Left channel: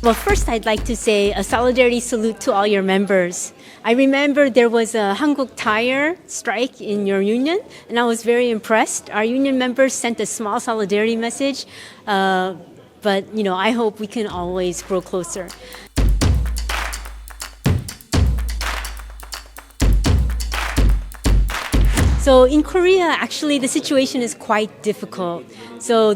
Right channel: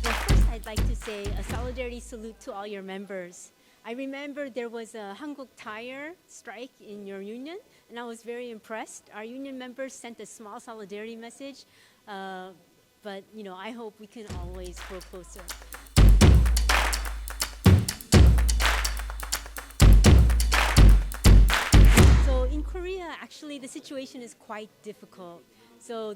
Well, first I'd like to say a solidarity salute to all your members. I remember there was a Hankook Tire strike in your union, and I was very impressed. Our union members sent a small solidarity message, but I hope we can always grow closer. So in Korea, actually, the situation is quite difficult. So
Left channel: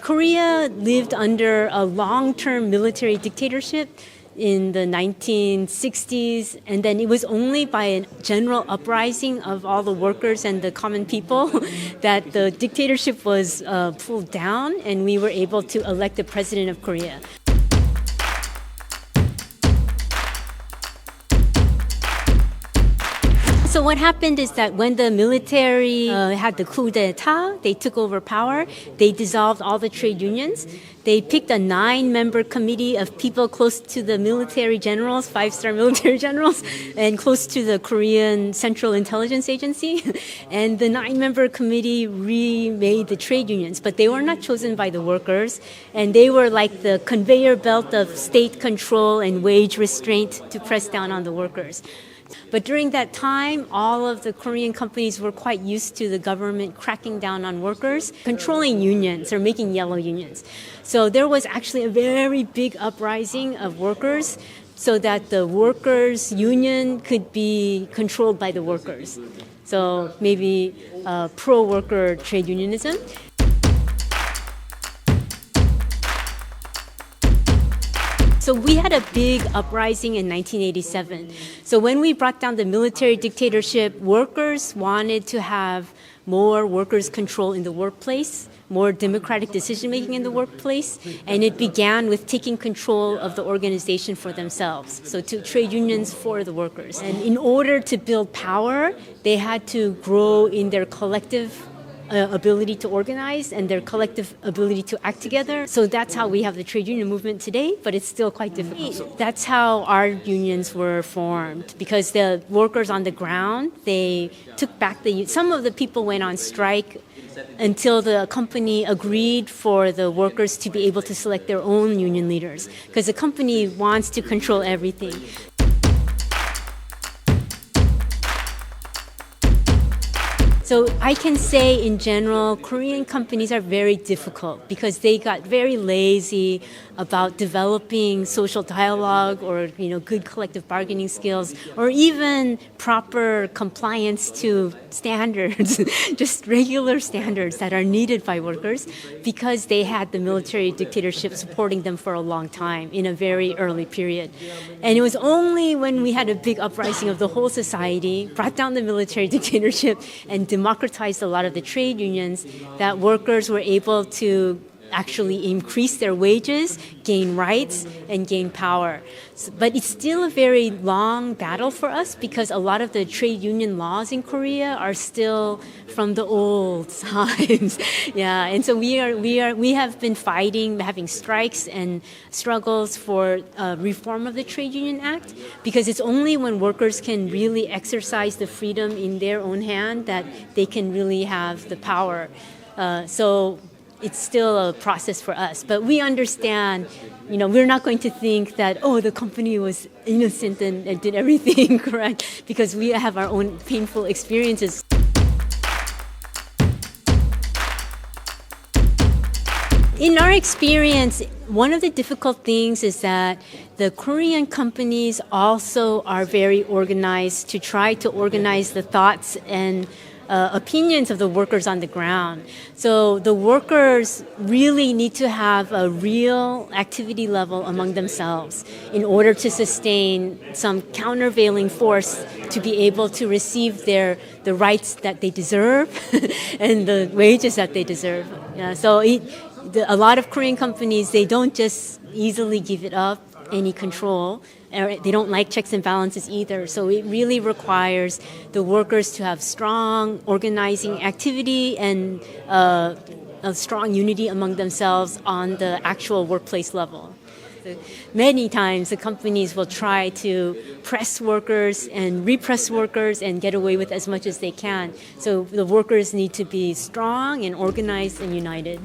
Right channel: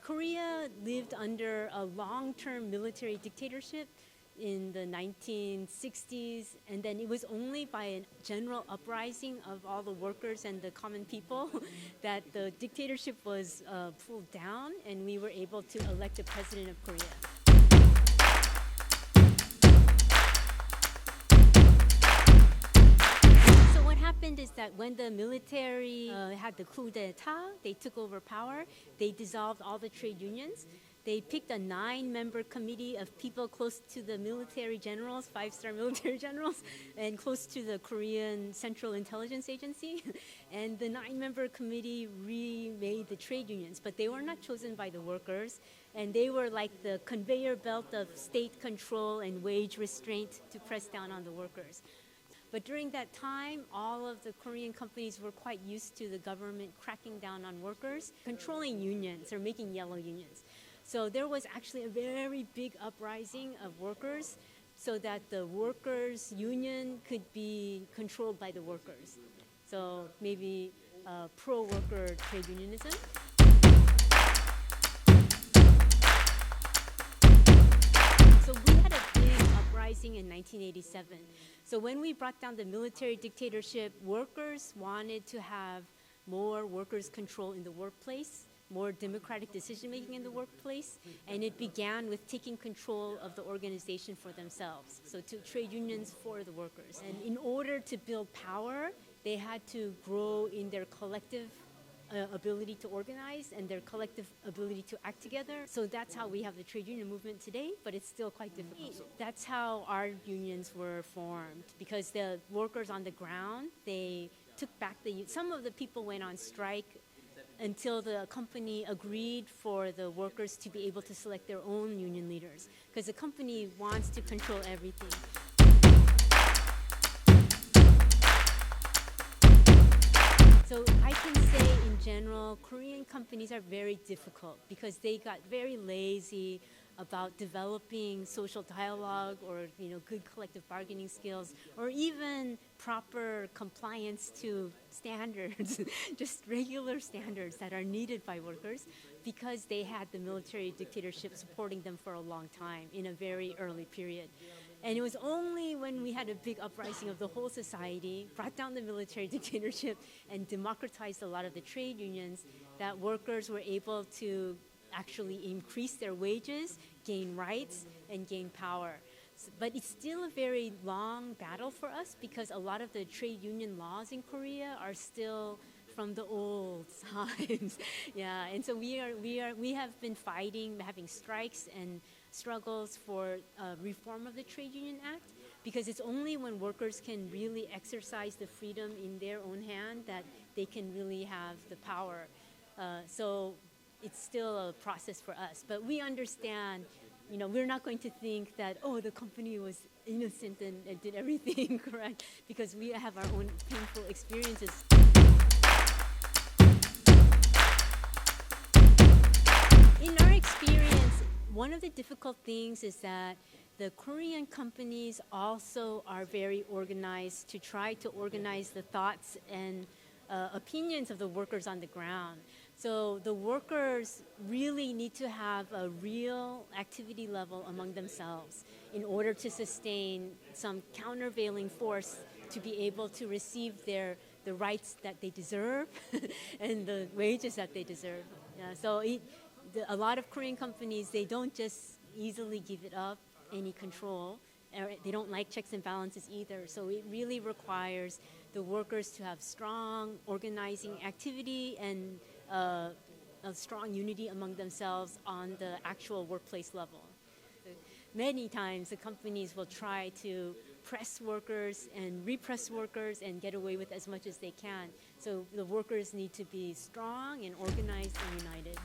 Korea lived under a long-term military dictatorship in the 1960s, and then it was only by a general uprising of all the workers and the common people that the dictatorship was pulled down, and we were able to elect the president of Korea. So what happened is that when the military had the coup d'etat, they took over power, they dissolved all the trade unions. They picked a 9-member committee of people close to the military generals, 5-star military generals, and close to the Korean Central Intelligence Agency. And the 9-member committee remade the trade unions, but they were not chosen by the workers. And they were like the conveyor belt of state control and wage restraint to press down on the workers. But during that time, all of the Korean companies were quite used to the government cracking down on workers, controlling unions or making yellow unions. So there was actually a very big uprising of workers so that the workers' union could be controlled by the workers. So maybe pro-worker trade unionism. So we had a big uprising in 1987. So when we brought down the military dictatorship, workers wanted to have more workers' control in the workplace, more democratic decision-making in the workplace, and it began with taking control of the organization for themselves, so to trade unions for the workers. And in order to build power, they had to grow in their collective ability to organize and their collective ability to act together. So that's how we have the trade union movement today, but it's still quite difficult. That's how our unions were formed, because the workers on the ground, they took back some of the people went on strike until the company agreed for the workers to be able to select their own union leaders, because the company wants to control everything. So I can say in general, Korean companies are very difficult because they got very lazy about developing social dialogue or good collective bargaining skills or even proper compliance to standards, just regular standards that are needed by workers because they had the military dictatorship supporting them for a long time in a very early period. And it was only when we had a big uprising of the whole society, brought down the military dictatorship and democratized a lot of the trade unions that workers were able to actually increase their wages, gain rights, and gain power. But it's still a very long battle for us because a lot of the trade union laws in Korea are still from the old times. Yeah, and so we have been fighting, having strikes and struggles for reform of the Trade Union Act because it's only when workers can really exercise the freedom in their own hand that they can really have the power. So it's still a process for us, but we understand, we're not going to think that, the company was innocent and did everything correct, because we have our own painful experiences. In our experience, one of the difficult things is that the Korean companies also are very organized to try to organize the thoughts and opinions of the workers on the ground. So the workers really need to have a real activity level among themselves in order to sustain some countervailing force to be able to receive the rights that they deserve and the wages that they deserve. Yeah, so a lot of Korean companies, they don't just easily give it up any control. They don't like checks and balances either. So it really requires the workers to have strong organizing activity and a strong unity among themselves on the actual workplace level. Many times the companies will try to press workers and repress workers and get away with as much as they can. So the workers need to be strong and organized and united.